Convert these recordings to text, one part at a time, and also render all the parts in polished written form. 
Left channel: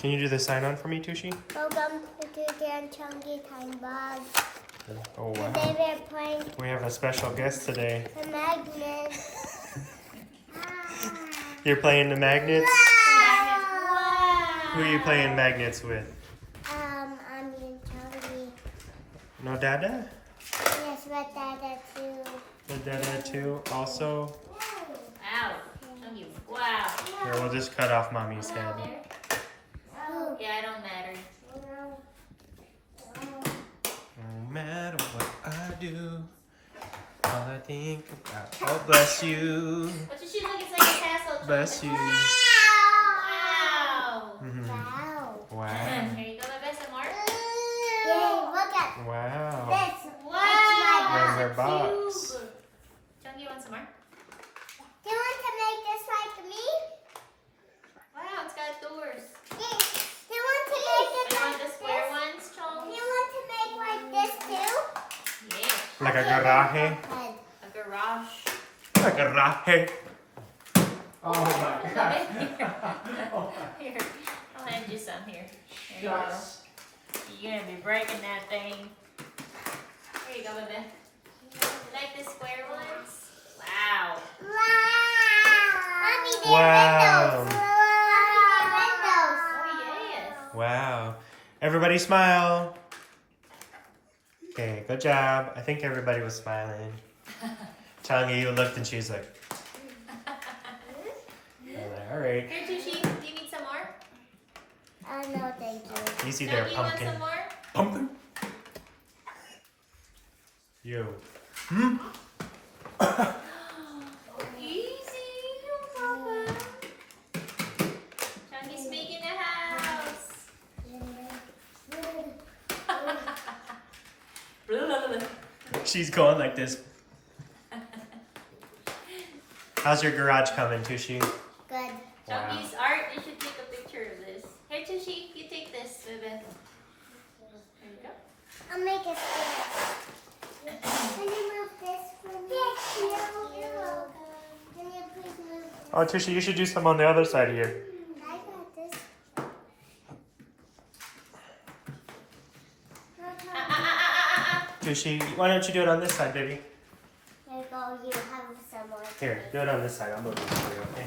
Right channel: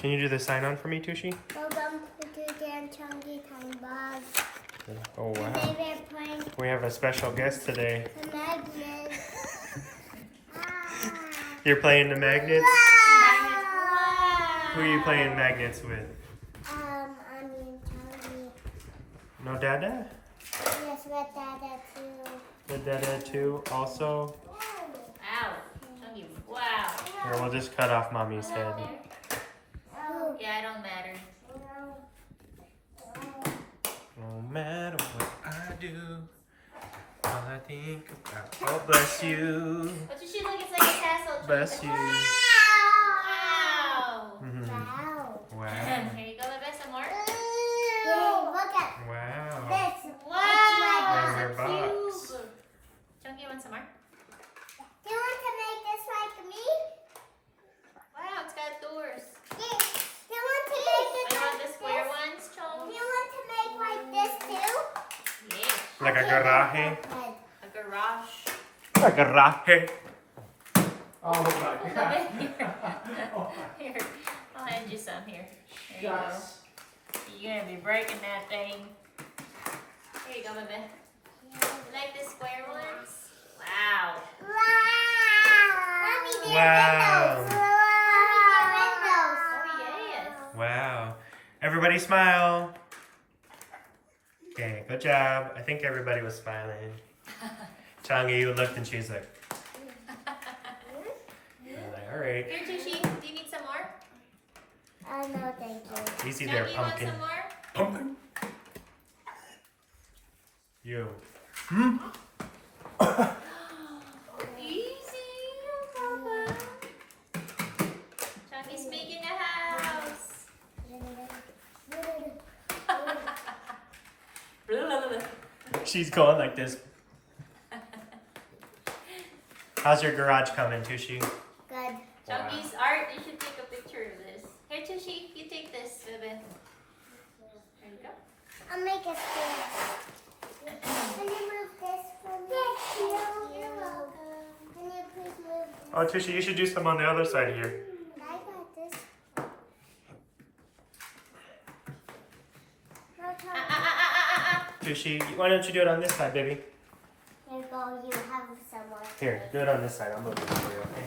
Can you do the sign on for me, Tushi? Welcome to Dan Chunky Time Bob. Oh, Today wow. we're playing We have a special guest today. the magnet. You're playing the magnets? Wow. Who are you playing magnets with? I'm in Chunky. No Dada? Yes, with Dada too. The Dada too also? Wow. Chunky, wow. Here, we'll just cut off Mommy's head. Oh. Yeah, I don't matter. No matter what I do, all I think about. Oh, bless you. What does she look? It's like a castle. Chunky. Bless you. Wow. Mhm. Wow. Wow. Here you go, baby. Some more. Yay, look at Wow. this. Wow. Where's It's our a box? cube. Chunky, you want some more? Do you want to make this like me? Wow, it's got doors. Do you want to make it You like want the square this? ones, Do Chunky? you want to make like this too? Yeah. Like a Okay, then garage? head. A garage. Like a rocket. Oh my Here, I'll hand you some here. There you go. You're gonna be breaking that thing. Here you go, baby. You like the square ones? Wow. Wow. Mommy, they're Wow. windows. Mommy, they're windows. Oh yes. Wow. Everybody smile. Okay, good job. I think everybody was smiling. Tonga, you looked and she's like, all right. Here, Tushi, do you need some more? No, thank you. You see there, Chunky, you want pumpkin. some more? Pumpkin. You. Easy, no problem. Chunky's making a house. She's going like this. How's your garage coming, Tushi? Good. Chunky's art, you should take a picture of this. Here, Tushi, you take this, baby. There you go. I'll make a stairs. Can you move this for me? Thank you. You're welcome. Can you please move this? Oh, Tushi, you should do some on the other side here. I got this. No, Tushi, why don't you do it on this side, baby? Here you go. You have some more. Here, do it on this side. I'll move it for you, okay?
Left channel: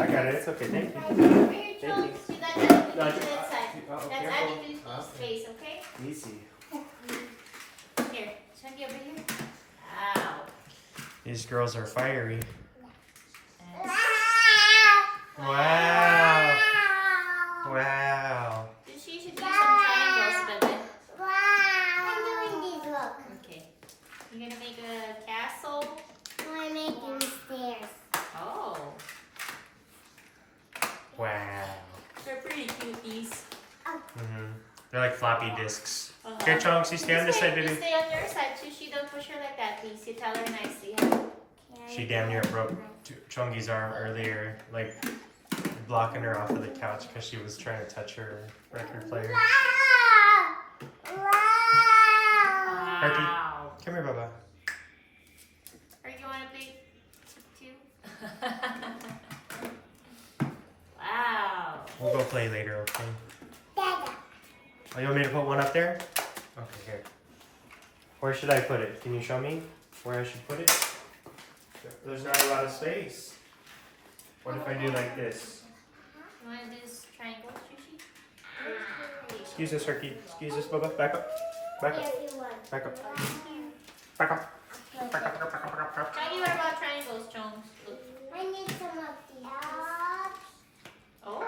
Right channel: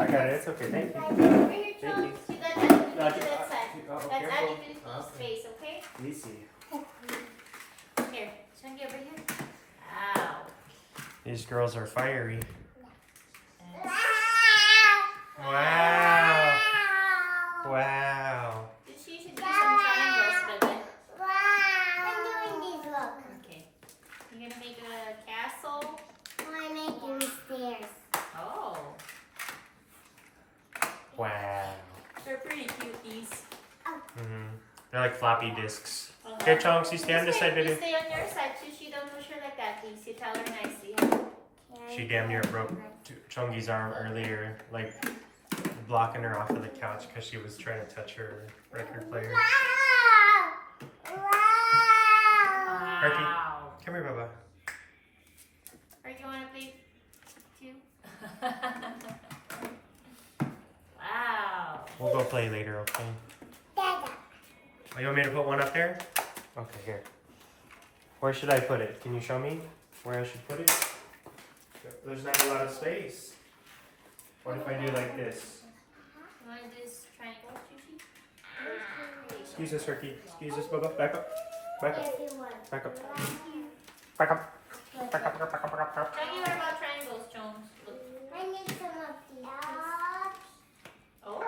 I got it. It's okay. Thank you. Over here, Chunks. You got added No, to that side. oh, That's careful. adding to the Okay. space, okay? Easy. Here, Chunky over here. Wow. These girls are fiery. And Wow. Wow. Tushi should do some triangles, baby. I'm doing these. Look. Okay. You're gonna make a castle. I'm making stairs. Oh. Wow. They're pretty cute, these. They're like floppy disks. Here, Chunks, you stay on this side, You baby. stay on your side, Tushi. Don't push her like that, please. You tell her nicely. Huh? She damn near broke Chungi's arm earlier, like blocking her off of the couch because she was trying to touch her record player. Wow. Come here, Bubba. Or you want to play too? Wow. We'll go play later, okay? Dada. Oh, you want me to put one up there? Okay, here. Where should I put it? Can you show me where I should put it? There's not a lot of space. What if I do like this? You want to do this triangle, Tushi? Excuse us, Ricky. Excuse us, Bubba. Back up. Back up. If you want. Back up. Back up. Like Back up. it. Back up. Back up. Back up. Chunky, what about triangles, Jones? Look. I need some of these. Oh.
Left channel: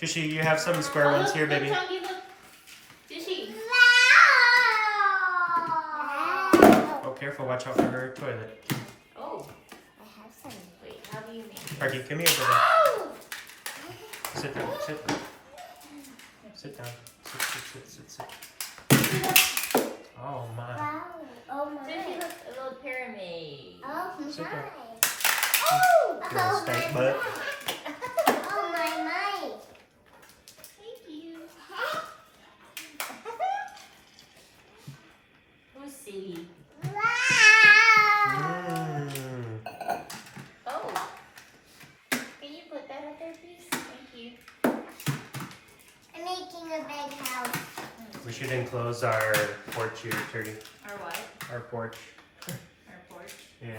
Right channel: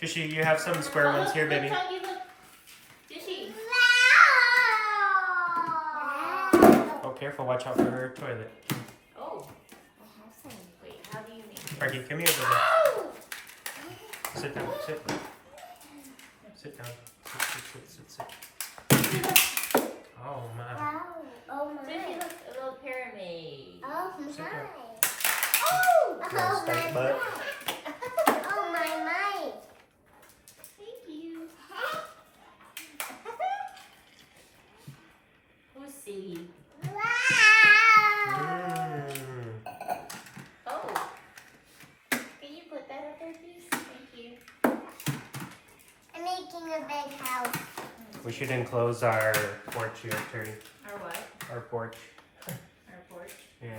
Tushi, you have some square ones here, baby. Look, Chunky, look. Tushi. Oh, careful. Watch out for her toilet. Oh. I have some. Wait, how do you make it? Ricky, come here, baby. Oh! Sit down. Sit. Sit down. Sit. Oh, my. Wow. Oh my. Tushi, look, a little pyramid. Oh my. Sit down. Oh. Little Oh snake my. foot. Oh my. Thank you. Who's silly? Wow. Mm. Oh. We should enclose our porch here, Turdy. Or what? Our porch. Our porch. Yeah.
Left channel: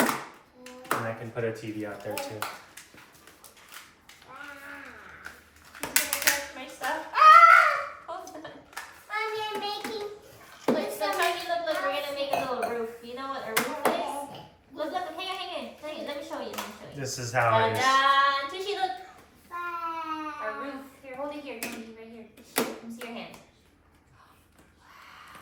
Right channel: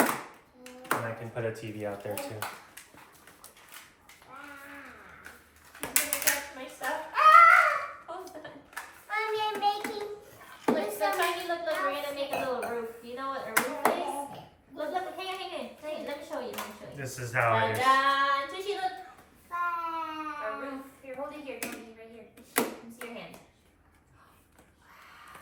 And I can put a TV out there too. He's gonna touch my stuff. Hold on. Mommy, I'm making. Look, so Tiny, look, we're gonna make a little roof. You know what a roof is? Look, hang on. Let me show you. This is how it is. Ta-da! Tushy, look. A Wow. roof. Here, hold it here. Right here. Let me see your hand.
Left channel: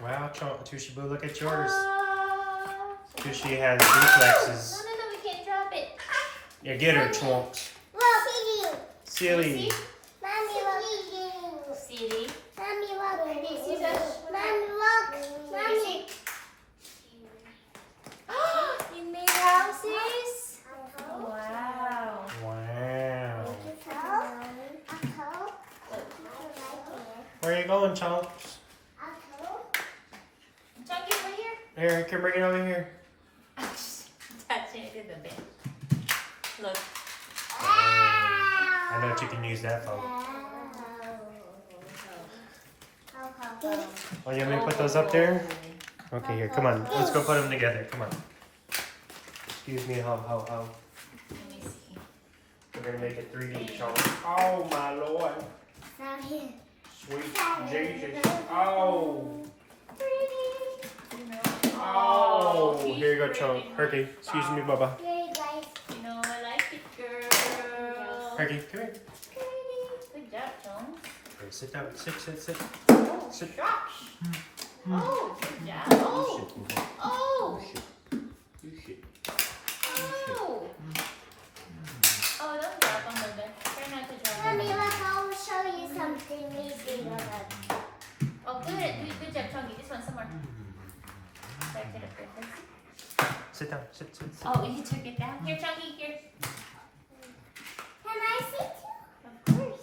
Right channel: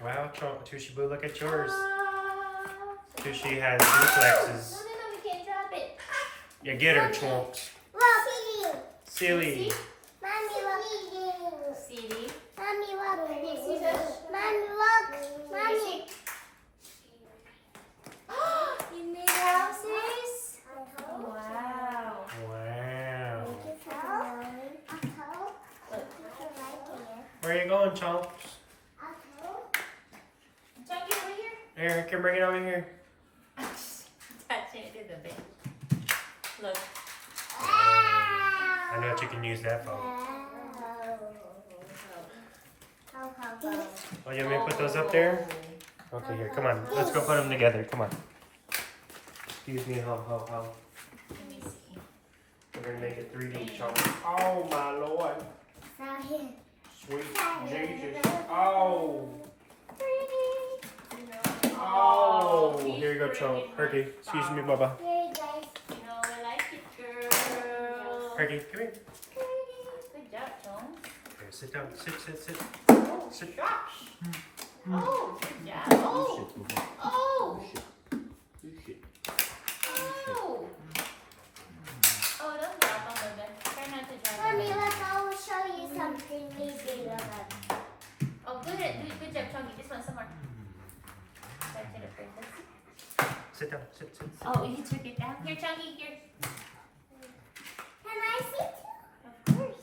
Wow, Tushy Boo, look at yours. Ah. Tushy has duplexes. No, we can't drop it. Yeah, get her, Chunks. Look. Silly. Mommy, look. CD. Mommy, look. See this? Mommy, look. Mommy. You made houses? Wow. Wow. Look. Where are you going, Chunks? Chunky, over here. Here, I can bring it over here. Touching it to the bed. Look. I know what you can use that for. Oh, you want me to put those up there? Okay, here, come on. Let's go put them together. Come on. Excuse me, ho. Let me see. We're gonna make it 3D, Chunks. Oh, my Lord. Sweet Jesus. Oh. Oh. Here you go, Chunk. Herky. Excuse me, Bubba. You know I like it, girl. Herky, come here. Good job, Jones. Okay, sit down. Sit. Oh, Sit. gosh. Oh, good job. Oh, oh, oh. Oh, don't drop on the bed. Try not to drop on Mommy, the bed. look, I will show you something maybe. Oh, good. Good job, Chunky. This one, some more. Back to the first. Sit down. Sit. Oh, you took it down. Here, Chunky, here. Can I see too? Of course.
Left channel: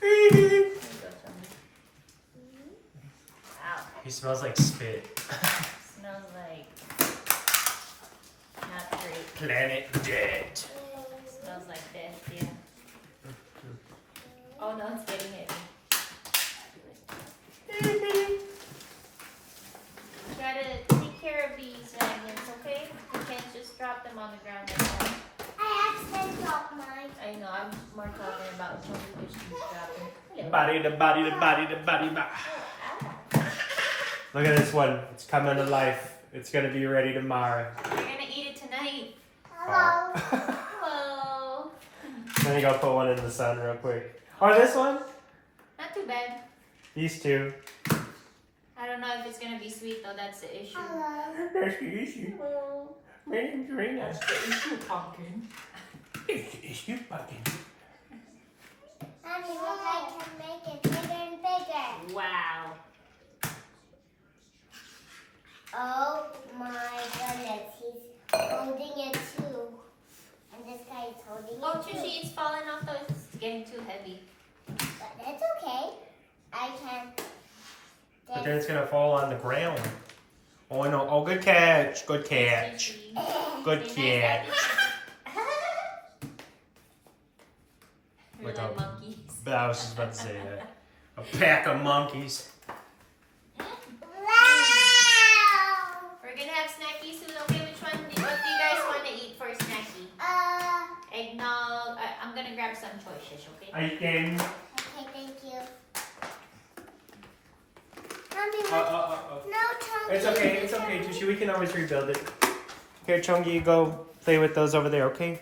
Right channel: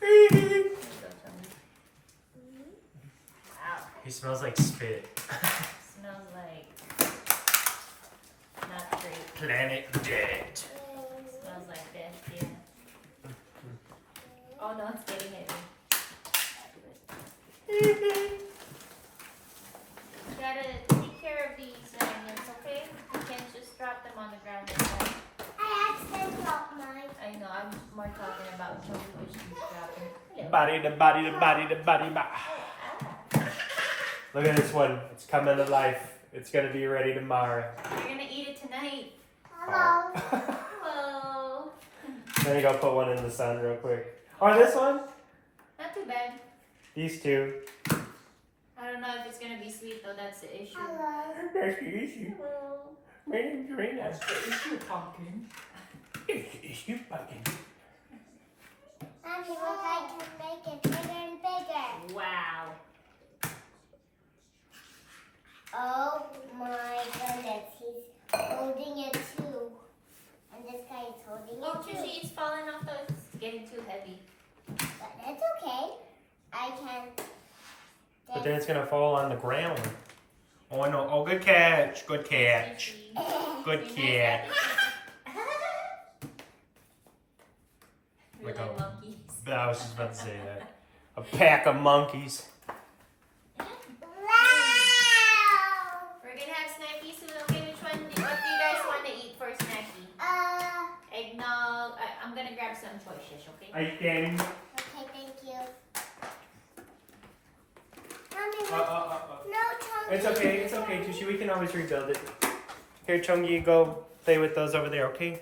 Here you go, Chunky. Wow. He smells like spit. Smells like not great. Planet Dead. Smells like death, yeah. Oh no, it's getting heavy. You gotta take care of these magnets, okay? You can't just drop them on the ground like that. I accidentally dropped mine. I know, I'm more talking about Chunky which he's dropping. Hello. Body. Oh, Look at this one. It's coming to life. It's gonna be ready tomorrow. We're gonna eat it tonight. Hello. Hello. Let me go put one in the sun real quick. Oh, this one? Not too bad. These two. I don't know if it's gonna be sweet though, that's the issue. Hello. That's the issue. Hello. Drink. That's the issue, pumpkin. It's the issue, pumpkin. Mommy, look, I can make it bigger and bigger. Wow. Oh my goodness, he's holding it too. And this guy is holding Oh, it too. Tushy, it's falling off though. It's getting too heavy. But that's okay. I can. But then it's gonna fall on the ground. Oh no! Oh, good catch! Good catch! Good catch! We're Like like a- monkeys. I was just about to say that. A pack of monkeys. Wow! We're gonna have snacky soon. Okay, what do you guys want to eat for snacky? Eggnog. I'm gonna grab some choices, okay? I can. Okay, thank you. Mommy, look. No, Chunky. It's okay, Tushy. We can always rebuild it. Here, Chunky, you go play with those over there, okay?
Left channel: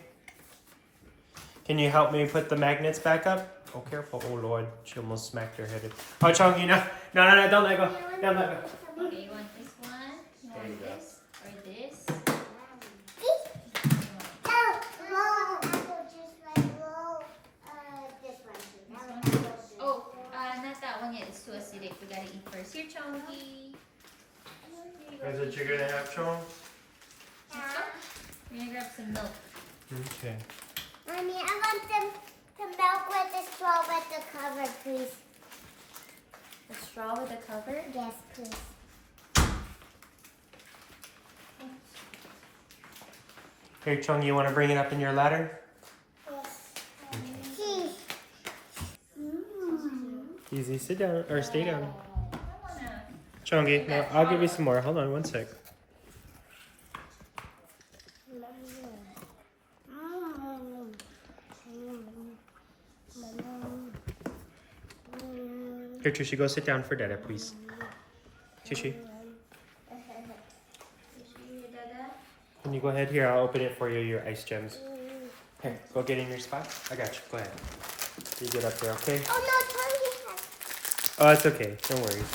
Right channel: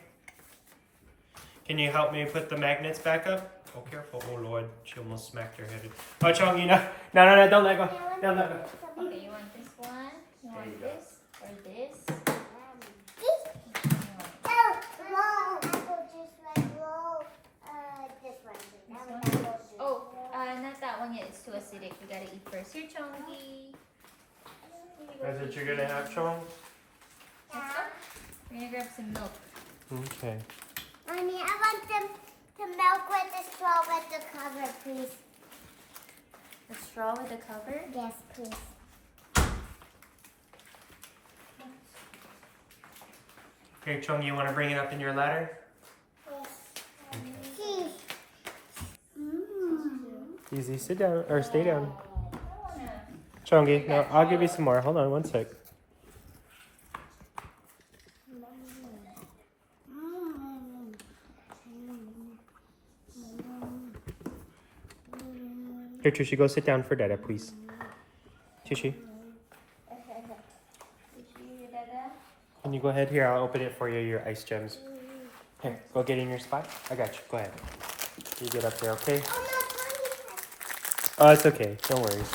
Can you help me put the magnets back up? Oh, careful. Oh, Lord. She almost smacked her head. Oh, Chunky, no. No, don't let go. Don't let go. Okay, you want this one? You There you want go. this? Or this? Oh, whoa. Apple just went low. This one. Oh, not that one yet. It's too acidic. We gotta eat first. Here, Chunky. Is it you're gonna have, Chunks? We're gonna grab some milk. Okay. Mommy, I want them to milk with the straw with the cover, please. The straw with the cover? Yes, please. Here, Chung, you want to bring it up in your ladder? Yes. Mm. Easy, sit down or stay down. I wanna. Chongi, no, I'll give you some more. Hold on one sec. Here, Tushy, go sit down for Dada, please. Tushy, can you go ahead here? I'll open it for you, your ice gems. Here, go get in your spot. I got you. Go ahead. You get up there, okay? Oh no, Tony has. Oh, it's okay. No worries.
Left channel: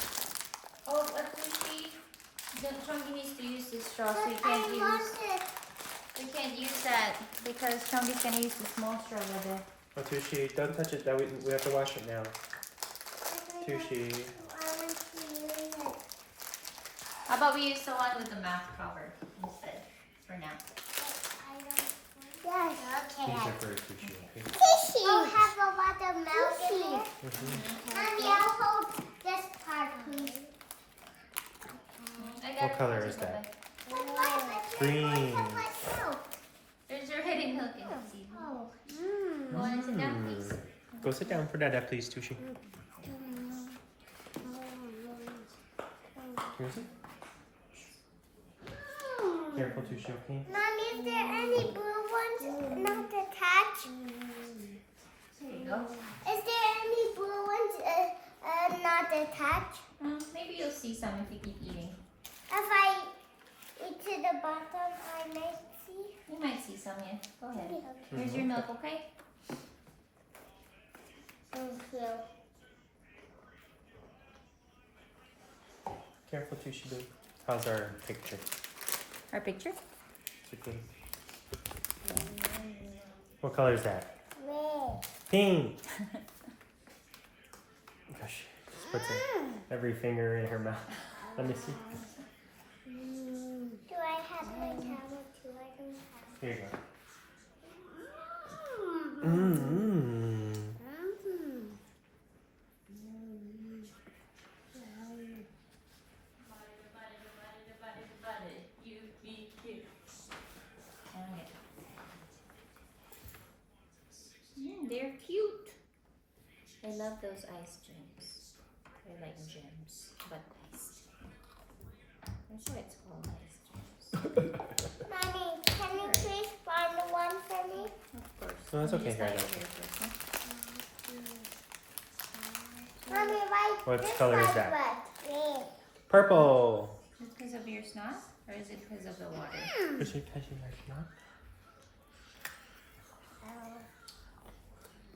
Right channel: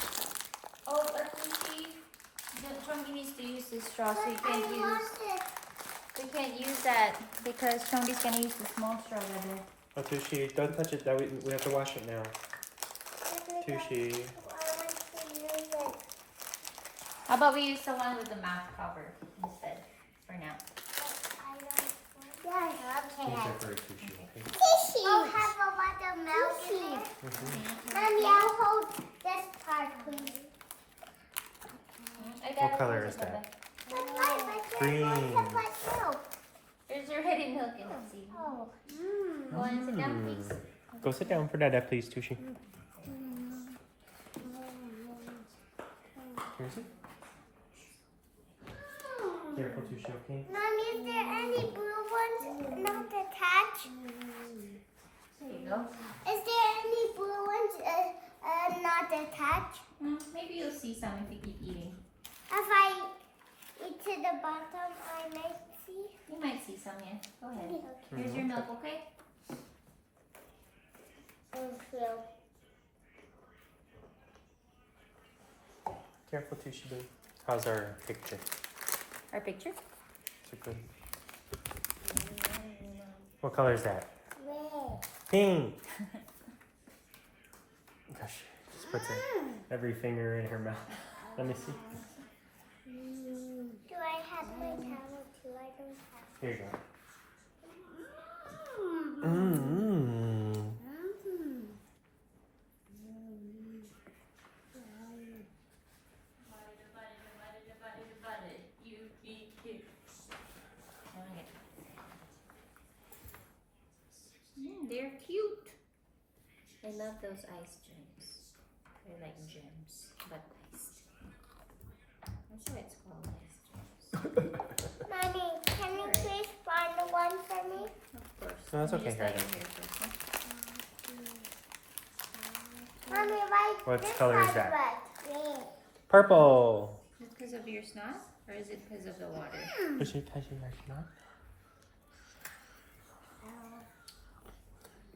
Oh, but you see, the Chunky needs to use this straw, so you But I can't use. want it. You can't use that because Chunky's gonna use the small straw right there. Oh, Tushy, don't touch it. That we have to wash it now. Tushy. I want to use it. How about we use the one with the mouth cover instead for now? I don't. Yes. Use Okay. that for Tushy, okay? Tissue. Oh, have a lot of milk in it. Mm-hmm. Mommy, I'll hold this part, please. What color is that? That's Green. There's already milk in it. See? Oh. You want to sit down, please? Go sit down for Dada, please, Tushy. Here's it. Careful, Tushy, okay? Mommy, is there any blue ones not attached? There you go. Is there any blue ones not attached? Maybe you'll see some if you keep eating. If I eat to the bottom, I might see. You might see some, yeah. Go ahead. Okay. Here's your milk, okay? Thank you. Careful, Tushy, boo. How's our picture? Our picture? Is it good? What color is that? Red. Pink. Gosh, just puts every finger in her mouth. Let me see. Do I have my towel too? I don't have. Here you go. Mm. Mm-hmm. You be cute. They're cute. I love those ice gems. They're like gems, but iced. That's why it's called ice gems. Mommy, can you please find one for me? Of course. No, that's Let me okay, just lay Hyder. it here first, huh? Mommy, why What this color is side that? wet? Red. Purple. Is it because of your snot, or is it because of the water? Tushy, Tushy, Tushy.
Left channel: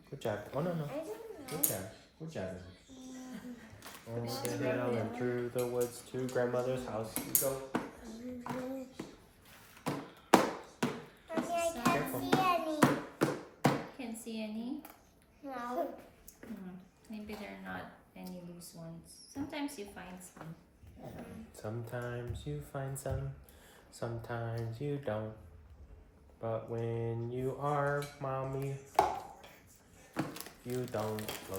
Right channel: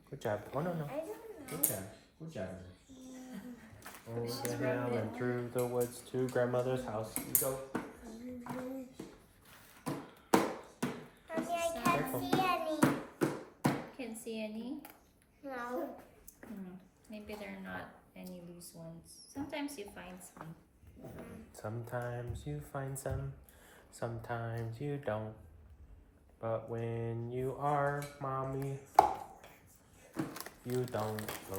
Good job. Oh, no, no. I don't know. Good job. Good job. Over the hill and through the woods to grandmother's house we go. Mommy, I can't see any. Can't see any. No. Maybe they're not any loose ones. Sometimes you find some. Sometimes you find some, sometimes you don't. But when you are mommy, you don't go.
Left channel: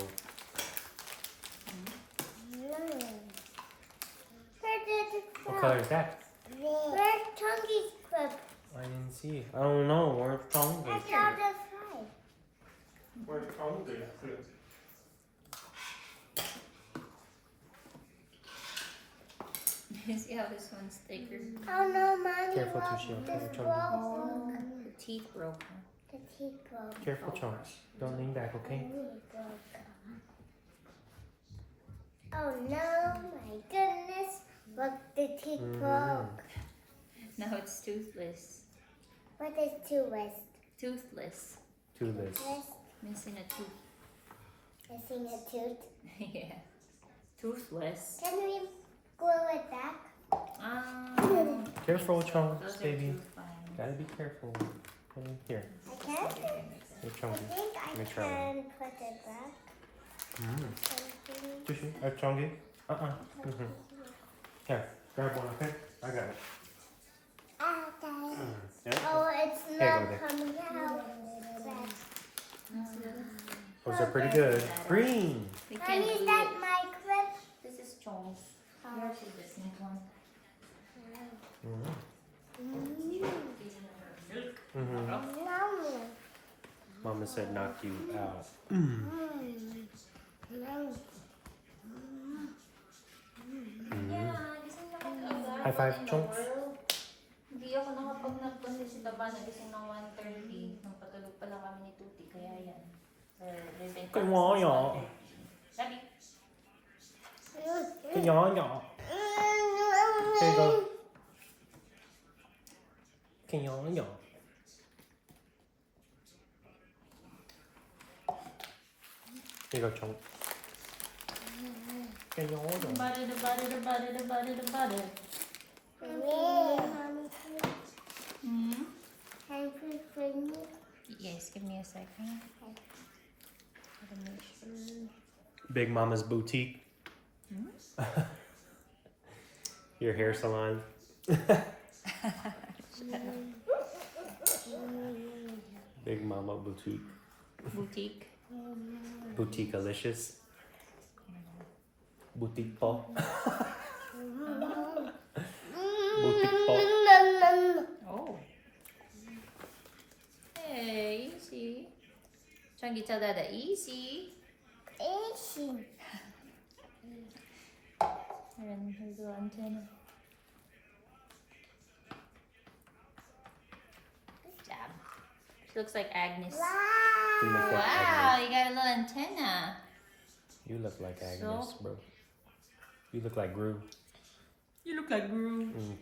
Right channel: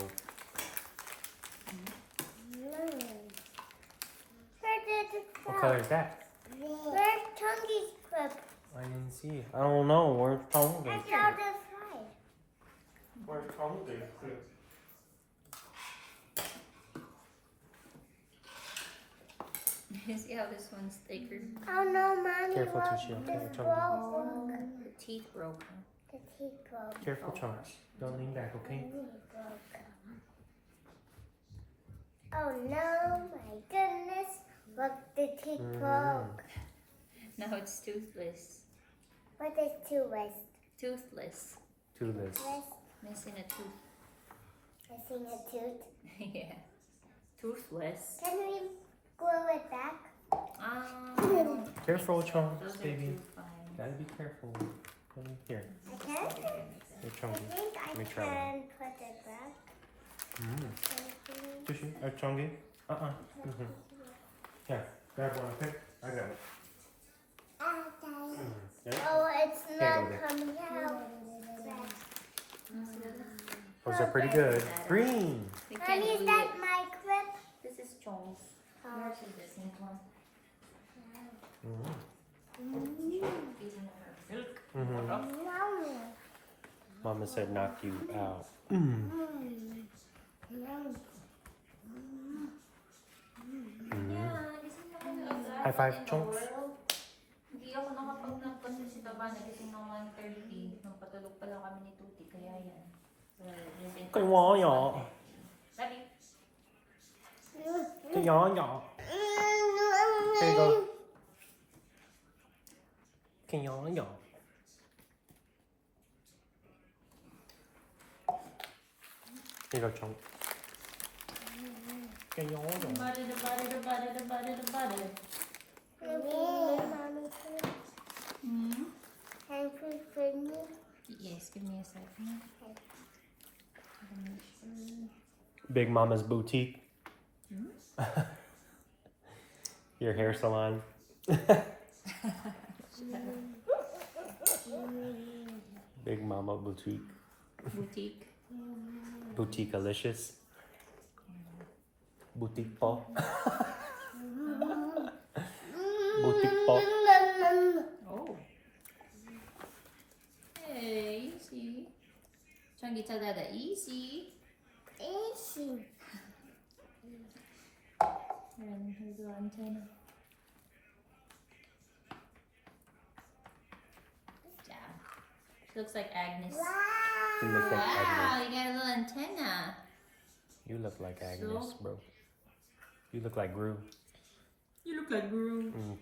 Where did it go? What color is that? Where's Chunky's clip? I didn't see. I don't know. Where's I Tongi? saw the slide. Where's Tongi? You see how this one's thicker? Oh no, Mommy, Careful, look, Tushy, this okay, broke. Oh, the teeth broke. Huh? The teeth broke. Careful, Chunks. Don't lean back, okay? Oh no, my goodness. Look, the teeth broke. Now it's toothless. What is two-less? Toothless. Toothless. Missing a tooth. Missing a tooth. Yeah. Toothless. Can we glue it back? Careful, Those Chunks, are baby. too fine. Gotta be careful. Here, I can. here, I Chunky. think I Let me try one. can put it back. Mm. Tushy, Chungi. Mm-hmm. Here, grab one, okay? I got it. Okay. Yeah. Oh, it's go not there. coming out. Those are pretty good. Green. We can Mommy, is glue that it. my clip? This is Chong's. Oh. Yours is the same one. Mm-hmm. No. Mama said knock you out. No. Yeah, gising naman agad. High five, What in the chunks. world? Hindi ako nakapag-nap kasi si Baba nagising ng 1:30. Napatulog pa lang kami ni Tuti, kaya yan. Kaya yan. Sabi, Kaya yan. Here you go. Kaya yan. Here you go, Chunk. Kaya yan. the butter, the butter, the butter, the butter, the butter. Hmm? Yes, give me a second. Gotta make sure. Big Mama's Boutique. Your hair salon. Big Mama Boutique. Boutique. Boutique-alicious. Boutique po. Boutique po. Oh. Hey, easy. Chunky, tell Dada, easy. And here's the antenna. Good job. She looks like Agnes. You look like Wow, Agnes. you got a little antenna. You look like Agnes, So? bro. You look like Gru. You look like Guru. Mm.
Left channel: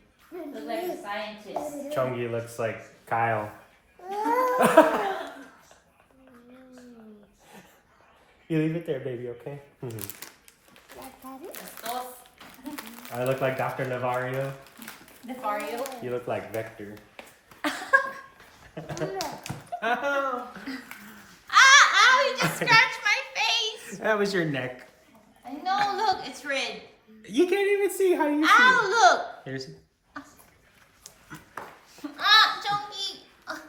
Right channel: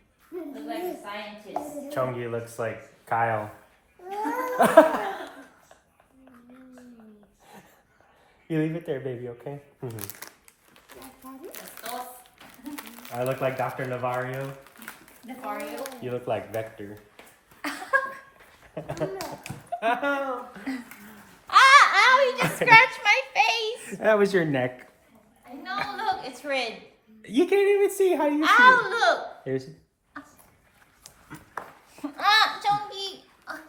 Look like a scientist. Chungy looks like Kyle. You leave it there, baby, okay? Mhm. Oh, I look like Dr. Navario. the Fario. You look like Vector. Ah, ow, you just scratched my face. That was your neck. No, look, it's red. You can't even see how you see Ow, look. it. Here's Ah, Chunky. Ah.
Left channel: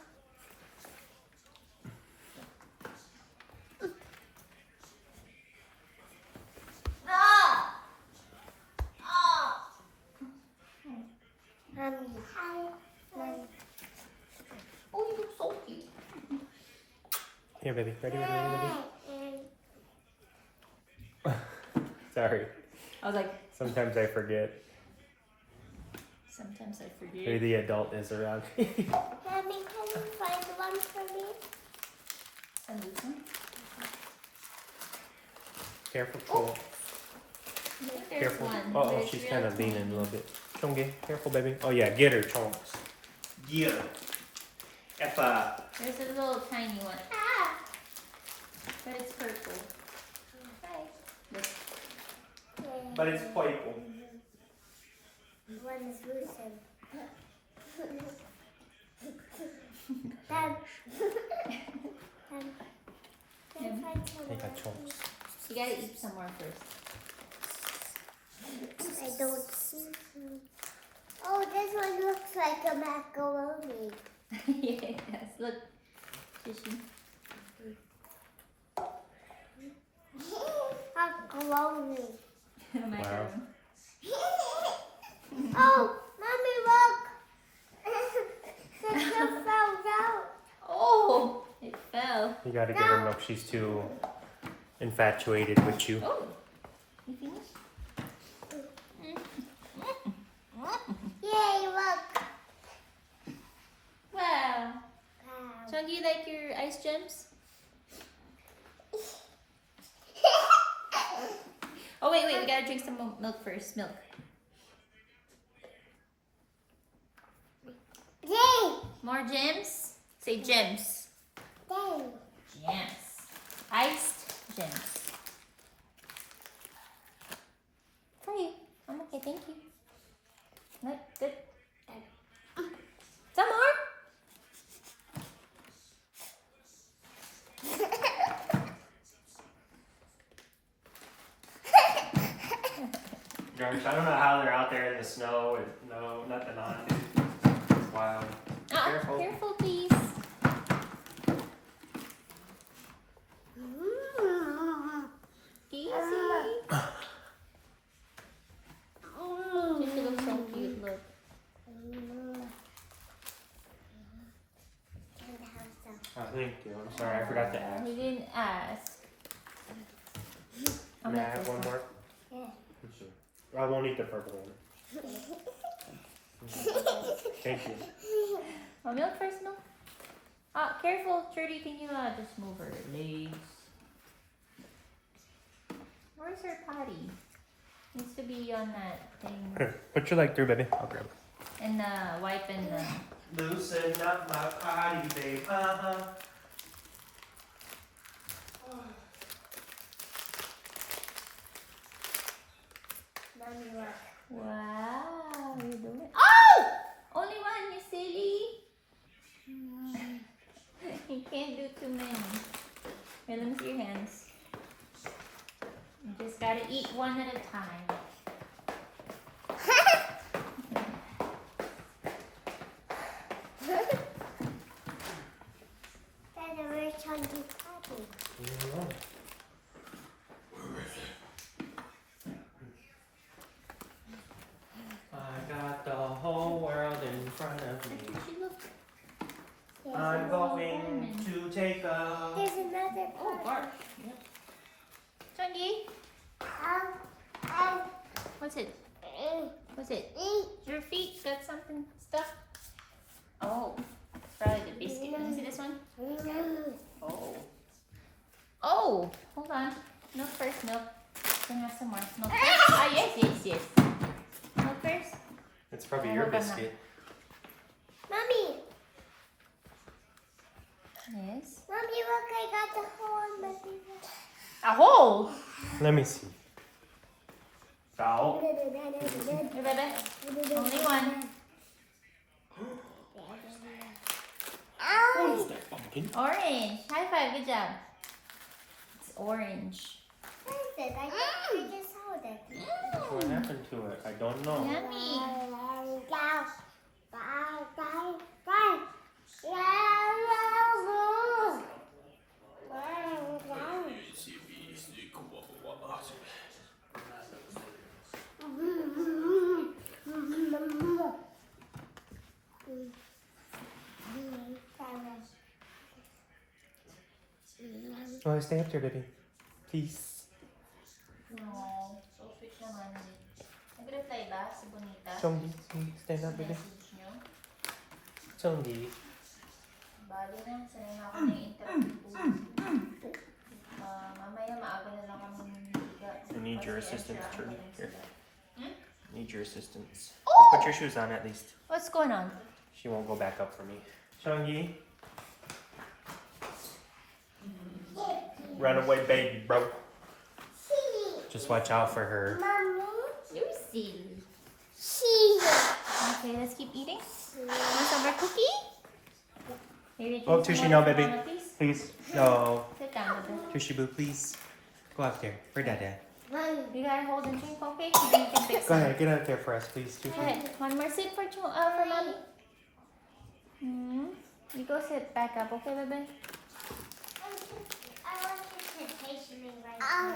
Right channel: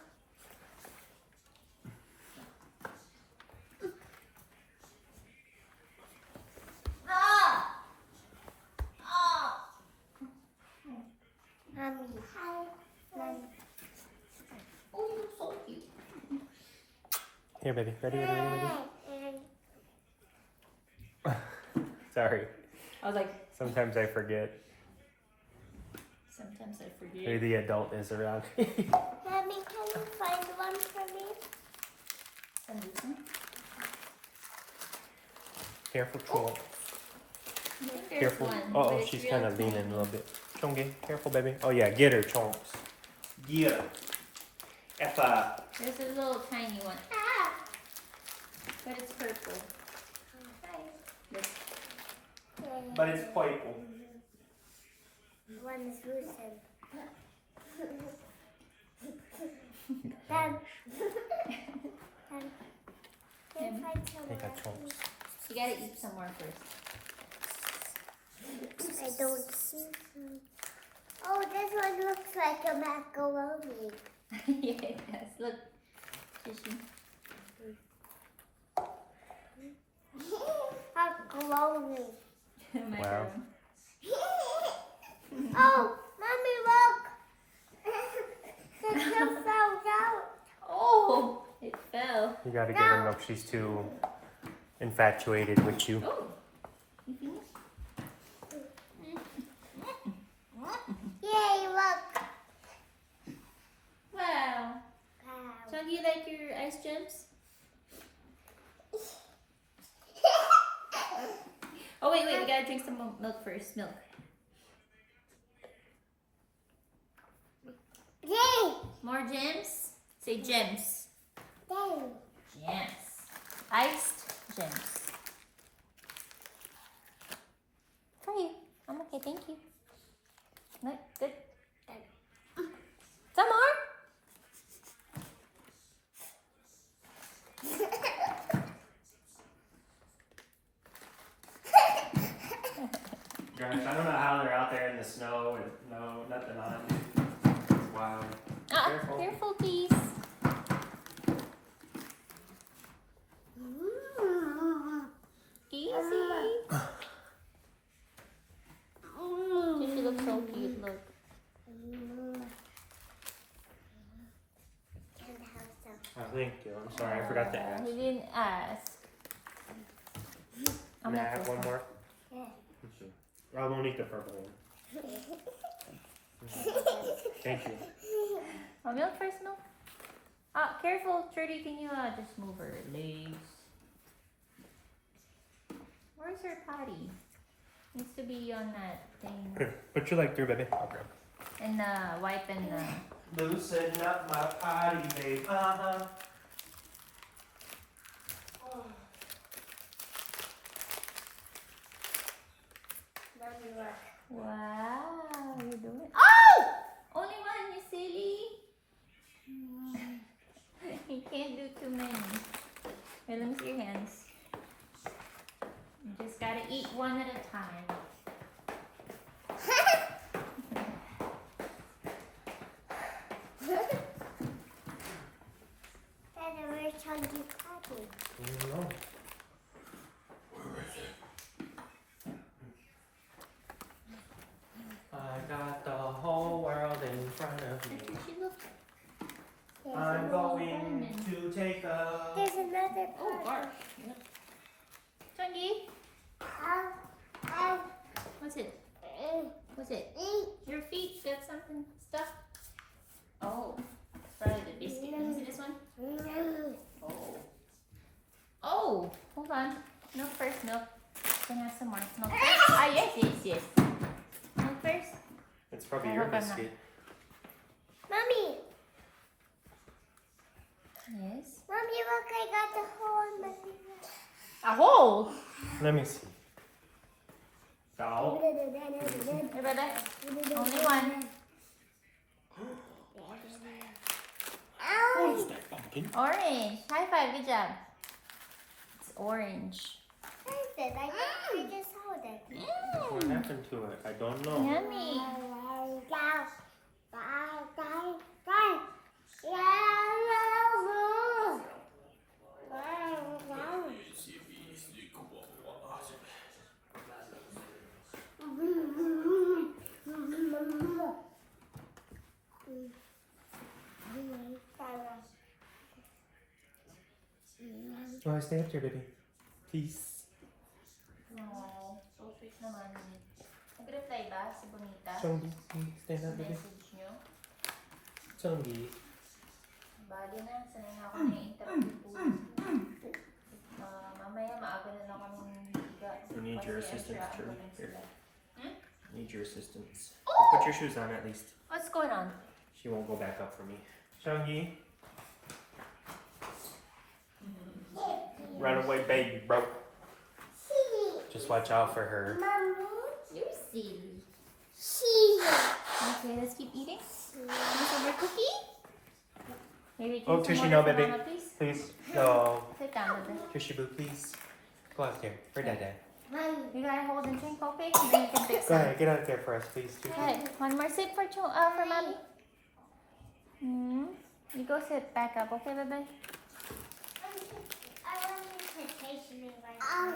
Ah. Oh, you look so cute. Here, baby. Ready, ready, ready, ready? Sorry. I was like, Sometimes I forget sometimes I who forget. the adult is around. Mommy, can you find one for me? And this one. Careful, Chungy. I think there's Careful. one. Oh, but it's she's real kind of leaning a tiny. little bit. Chungy, careful, baby. Oh, yeah, get her, Chunks. Yeah. Effa. There's a little tiny one. Ah! But it's purple. Hi. Look. But it's purple. One is loosened. Dad. Dad. Can you find some Take a more? Chunks. You gotta eat some more first. I don't see some. Oh, this one looks like a macaroni. Yes, look. Fishy. Macaroni. Macaron. Oh, mommy, look! The kid fell down. Oh, it fell. You gotta give her milk. She's too infatuated with you. Oh, you finished? Yay, look! Wow. Wow. So do you like your ice gems? Oh wait, we gotta drink some milk first. Milk. Yay! More gems? Say gems. Yay! Gems. Iced gems. Sorry, I'm okay, thank you. No, good. Some more? Gosh, I don't know how they're out there in the snow with no nothing on. Wow. Careful. Careful, please. Easy. She looks so cute, look. Oh, thank you. I'm sorry, I forgot to ask. We didn't ask. May I have one more? Yeah. I won't eat the purple one. Thank you. Oh, milk first, milk. Careful, Trudy. Can you just move her legs? Where's her potty? Needs to be on that thing. Here, put your leg through, baby. And wipe and Loosen up my potty, babe. Mommy, look. wow, you doing? Oh! Only one, you silly. You can't do too many. Wait, let me see your hands. You just gotta eat one at a time. That's a very chunky patty. No. I got the whole world in front of me. She look. I'm going to take a. There's another Oh, part. gosh. Yep. Chungi, what's it? What's it? Your feet got something stuck? Oh, it's probably the biscuit. Can you see this one? Oh. Oh, hold on. Milk first, milk. Can I have some more? Milk first. Ah, yes. Milk first. It's probably I your hope I'm not- biscuit. Mommy, Yes. Mommy, look, I got the hole in my finger. A hole. Let me see. Foul. Here, baby. Only one. Ow! Pumpkin. Orange. High five. Good job. It's orange. What is it? I just hold it. What happened to it? I don't know. Yummy. Oh, stay up there, baby. Please. No. So sweet naman. Nag-reply ba si Bonita? Chongi, stand up, baby. Message nyo? Chongi. Bali na. Sanay na ako na interview. Mamaya maaga na lang kami higa. I need your Kasi assistance, extra Trudy. ambulance Here. sila. Need your assistance. Oh! Put your shoes on at least. What's going on? She won't go back up for me. Chongi. Runaway baby, bro. Just watch out for her. Mommy, You're silly. she. Okay, let's keep eating. Want some more cookie? Maybe Oh, drink Tushy, some no, water for baby. Mama, please. Please. No. Sit down, baby. Tushy Boo, please. Go out there. For Dada. You gotta hold and drink, okay? Maybe you can fix Go it. ahead, get out there for us, please. Go ahead. One more sit for mommy. You go sit back up, okay, baby? I want you to taste me right now.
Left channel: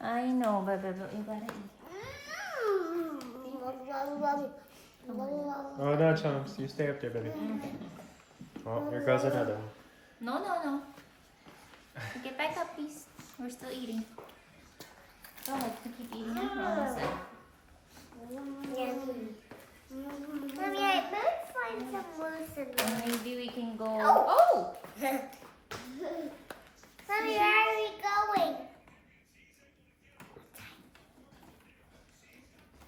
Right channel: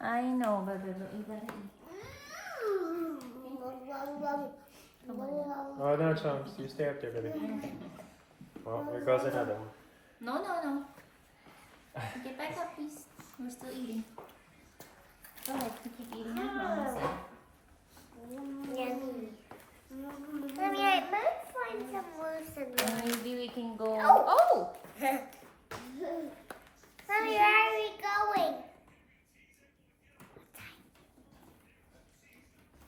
I know, baby. You gotta eat. Oh, no, Chunks. You stay up there, baby. Oh, here goes another one. No. Get back up, please. We're still eating. Go ahead. You keep eating. Mama said. Yummy. Mommy, I might find some loose in there. Maybe we can go. Oh. Oh! Mommy, where are we going?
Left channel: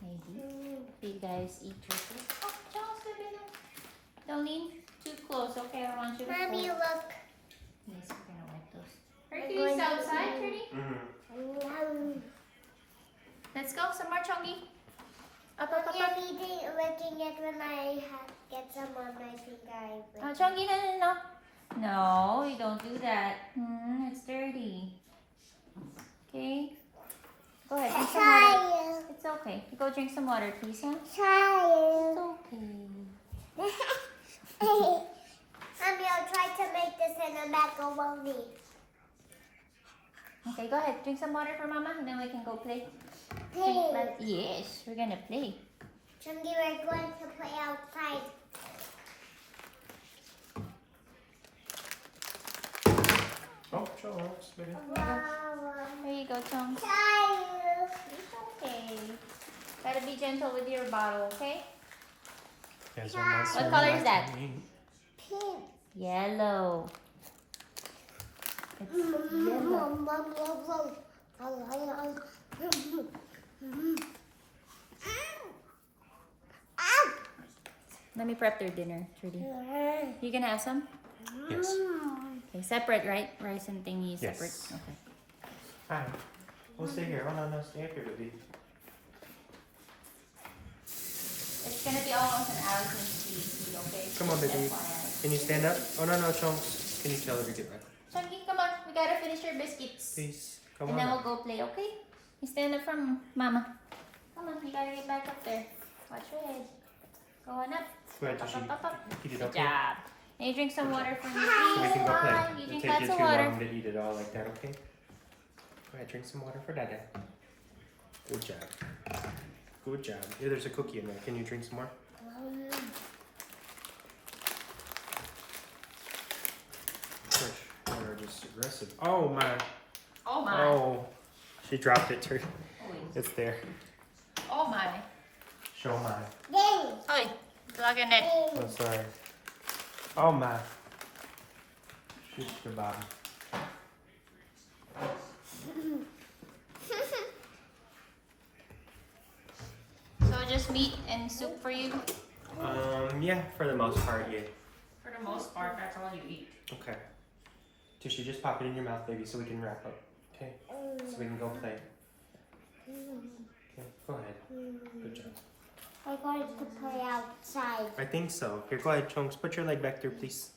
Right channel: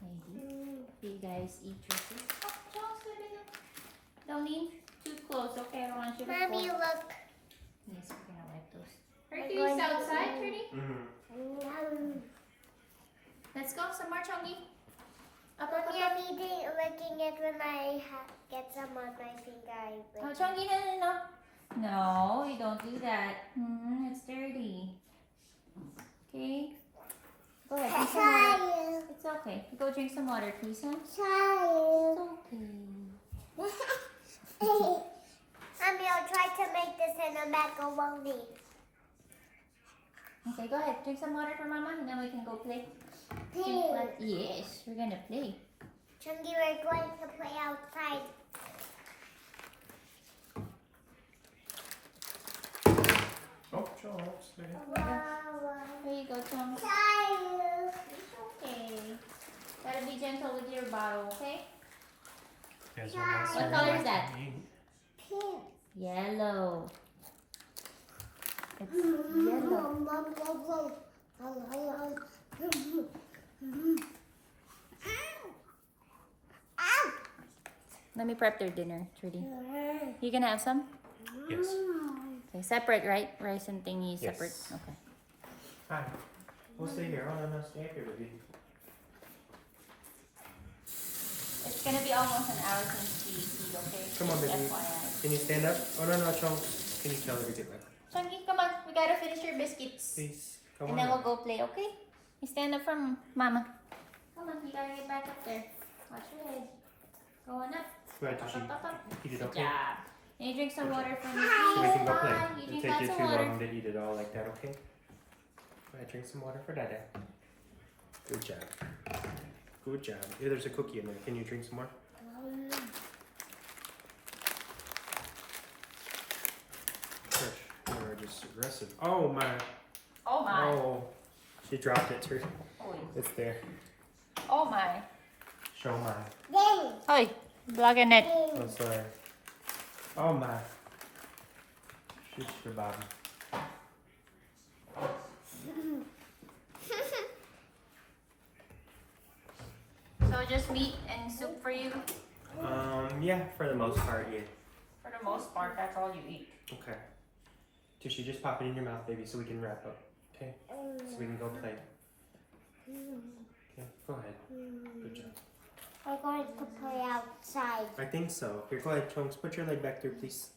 Maybe. You guys eat your food. Oh, Charles, baby, no. Don't lean too close, okay? I don't want you to Mommy, fall. look. Yes, we're gonna wipe those. I'm Hercules going to outside, eat. pretty. Let's go. Some more chunky. Up. Mommy, I'm licking it when I get some on my finger. Oh, chunky, no. No, you don't do that. It's dirty. Okay. Go ahead, drink some water. It's okay. Go drink some water, please, huh? It's okay. Mommy, I'll try to make this in a macaroni. Okay, go ahead. Drink some water for Mama, and then we can go play. Play. Yes, we're gonna play. Chungi, we're going to play outside. Oh, Chunks, baby. There you go, Chunks. Child. be gentle with your bottle, okay? There's one more What color is that? slime. Pink. Yellow. It's yellow. Let me prep their dinner, Trudy. You gonna have some? Yes. Okay, separate, right? Rice and thingy Yes. separate. Okay. Fine. We'll stay here. Oh, no, stay up here with you. It's gonna be almost an hour since tea, okay? Come on, baby. FYI. Can you stand up? Oh, no, Chunks. Can you tell her to get back? Chunky, come on. We gotta finish your biscuits. Please. Come And on. then we'll go play, okay? You stand up from Mama. Come on, you gotta get back up there. Watch your head. Go on up. Go ahead, Up, Tushy. up, up, up. Eat it, Good okay? job. And you drink some water for me, So we please. can go play. Bye. You It'll drink take lots you of too water. long to eat it all like that, okay? Go ahead, drink some water for Dada. Good job. Good job. Here, there's a cookie in there. Can you drink some more? Trish, you're just aggressive. Oh my. Oh my. Oh. She dropped it too. It's there. Oh my. Show my. Ding. Hoy, vlogging it. Oh, sorry. Oh my. Shish kebab. So just meat and soup for you? Yeah, for the most part, yeah. For the most part, that's all you eat. Okay. Tushy, just pop it in your mouth, baby, so we can wrap up. Okay? So we can go play. Okay, go ahead. Good job. I'm going to play outside. I think so. Here, go ahead, Chunks. Put your leg back there, please.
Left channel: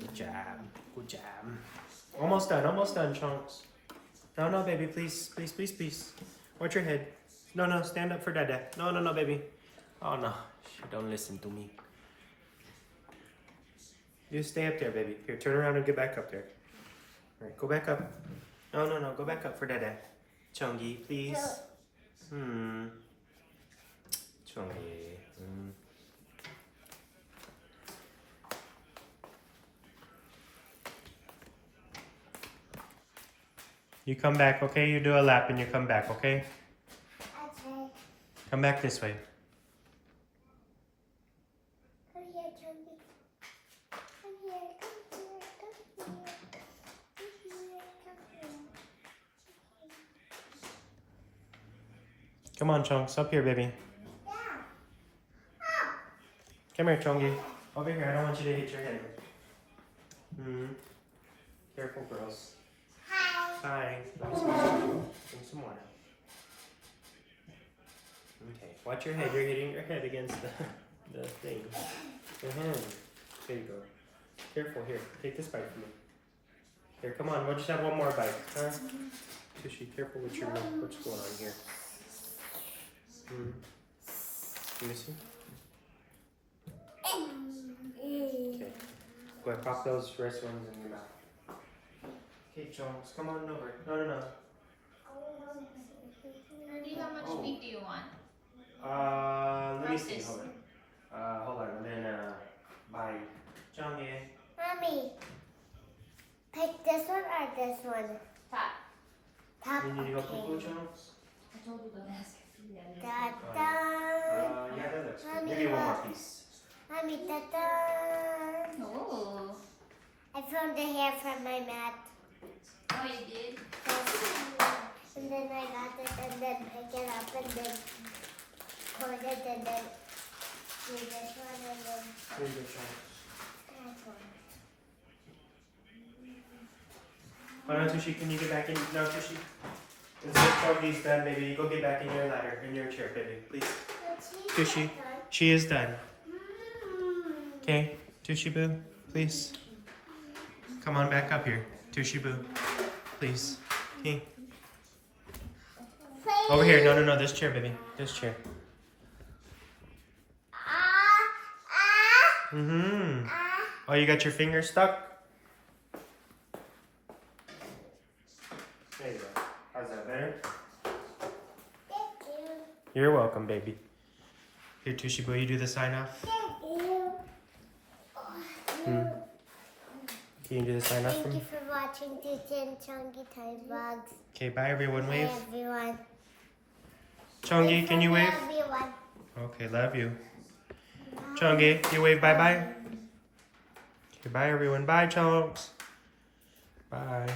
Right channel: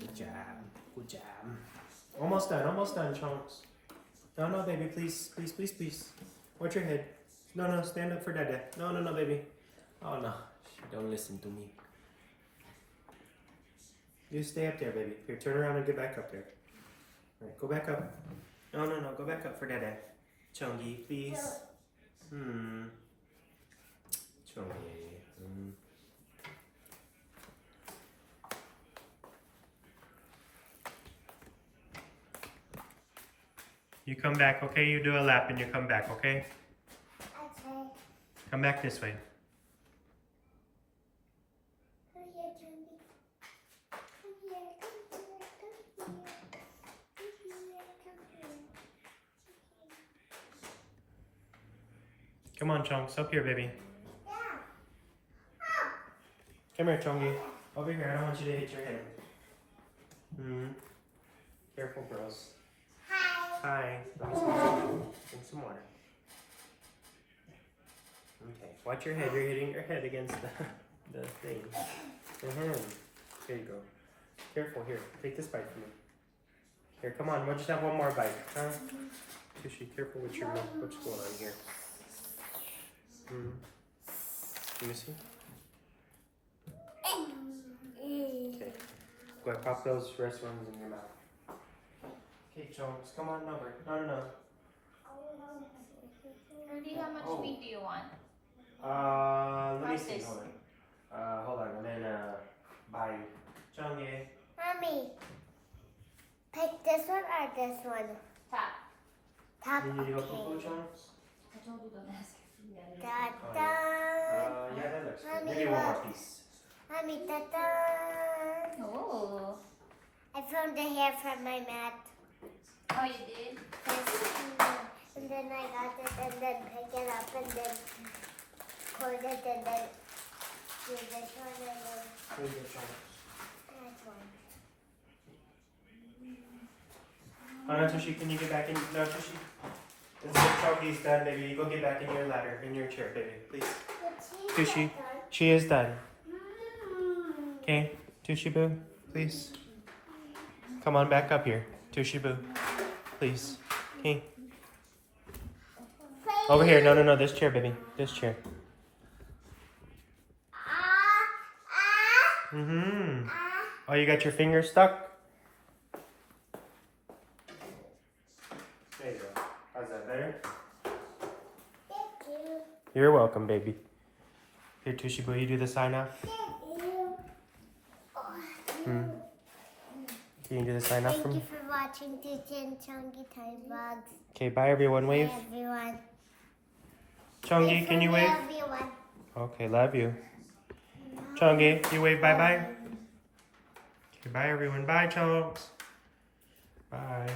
Good job. Good job. Almost done, Chunks. No, no, baby, please. Please, please, please. Watch your head. No, no, stand up for Dada. No, no, no, baby. Oh, no. She don't listen to me. You stay up there, baby. Here, turn around and get back up there. All right, go back up. No, no, no. Go back up for Dada. Chungy, please. Chungy. You come back, okay? You do a lap and you come back, okay? Okay. Come back this way. Come here, Johnny. Come here, come here, come here. Come here, come here. Come on, Chunks. Up here, baby. Yeah. Come here, Chungy. Over here. I don't want you to hit your head. Careful, girls. Hi. Hi. Drink some water. Okay. Watch your head. You're hitting your head against the thing. There you go. Careful. Here. Take this bite from me. Here, come on. We'll just have one more bite. Huh? Tushy, careful with your milk. What's going on here? Let me see. Okay. Go ahead, pop those rest ones in your mouth. Okay, Chunks, come on over. No, no, no. How much Oh. meat do you want? Let me see. Practice. Hold on. Hold on. And then, bye. Chungy. Mommy, pick this one or this one? Top. Top. You need to go poo Okay. Chunks? I told you to ask. Da da. Yeah, that looks good. Mommy, Maybe one more look. piece. Mommy, da da. Oh. I found the hair from my mat. Oh, you did? And then I got it and then pick it up and then cord it and then do this one and then Here you go, Chunks. that one. Oh no, Tushy, can you get back in? No, Tushy. This Chungy's done, baby. You go get back in your ladder, in your chair, baby, please. Tushy, she is done. Okay, Tushy Boo, please. Come on back up here. Tushy Boo, please. Okay. Over here. No, no, no. This chair, baby. This chair. Oh, you got your finger stuck? There you go. How's that better? Thank you. You're welcome, baby. Here, Tushy Boo, you do the sign off. Thank you. Can you do the sign off for Thank you me? for watching Teacher and Chunky Time Vlogs. Okay, bye everyone. Wave. Bye everyone. Chongi, can you wave? Everyone. Okay, love you. Chongi, you wave bye-bye? Okay, bye everyone. Bye, Chonks. Bye.